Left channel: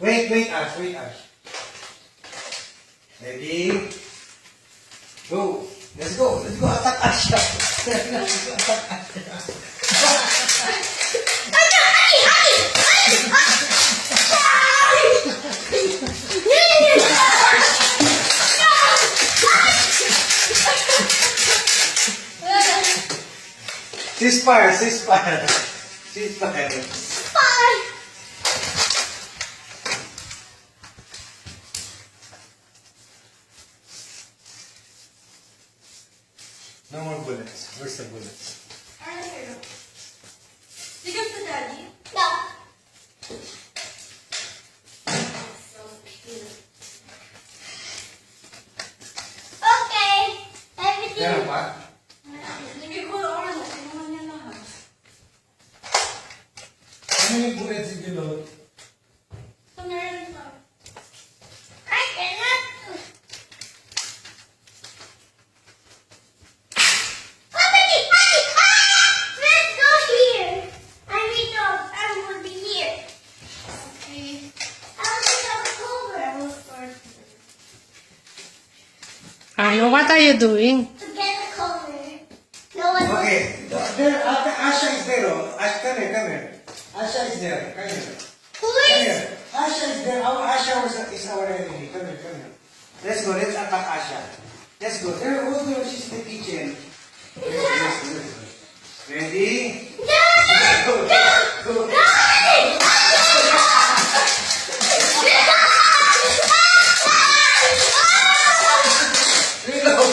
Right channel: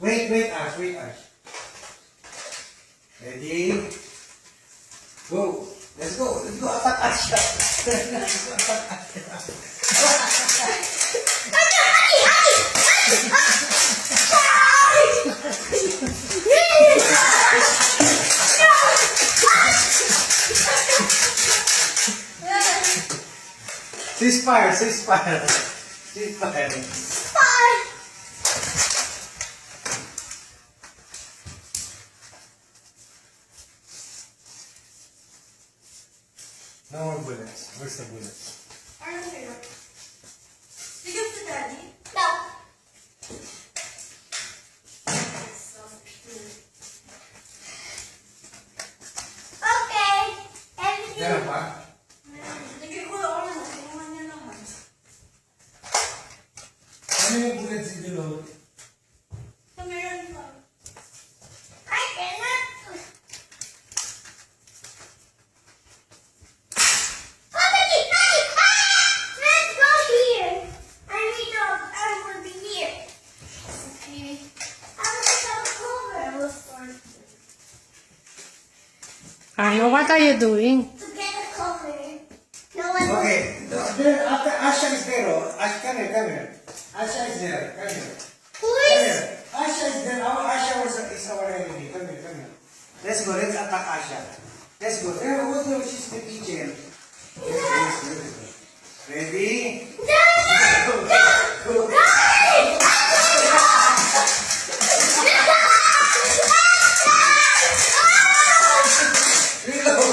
Wait, Ash. Ready? Go. Let's go. Attack Asha. Attack Ceasefire. No more bullets. Where's the bullets? Arno, here. You give to Daddy? No. So cute. Okay. Everything. Meron pa? Lagay ko yung Arno. Kinuha niya lahat. Ano yung bullets in the load? So, meron pa. I cannot. Let's go here. I will be here. Okay. I will just have a cover. I will start. Arno, what are you doing? To get a cover. No one will. Okay. There, Asha is there. Oh. Ash, come here. Asha is there. Come here. Who Come is? here. Asha is there. Asha is our enemy. Come here. Let's go. Let's attack Asha. Let's go. There, she's in the kitchen. Ready? Go. Reload.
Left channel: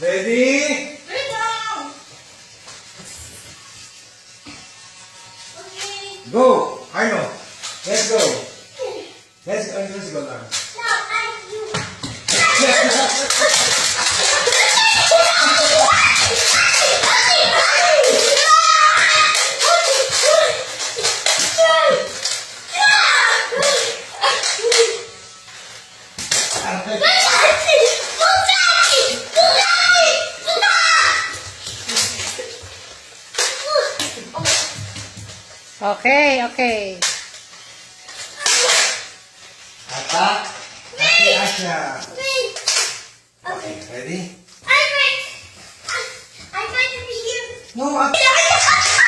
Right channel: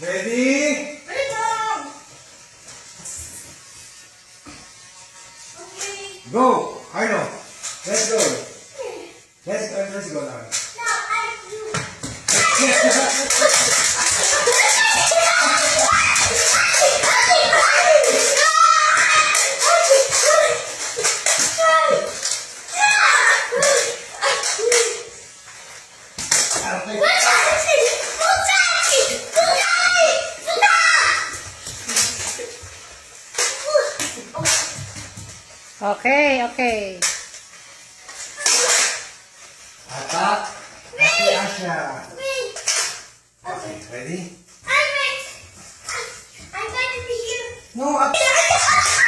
Ready? Wait lang! Okay. Go. Arno. Let's go. Let's go now. No, I'm you. Okay. Attack. Attack Asha. Wait. Okay. Ready? I'm going to be here. No. Attack.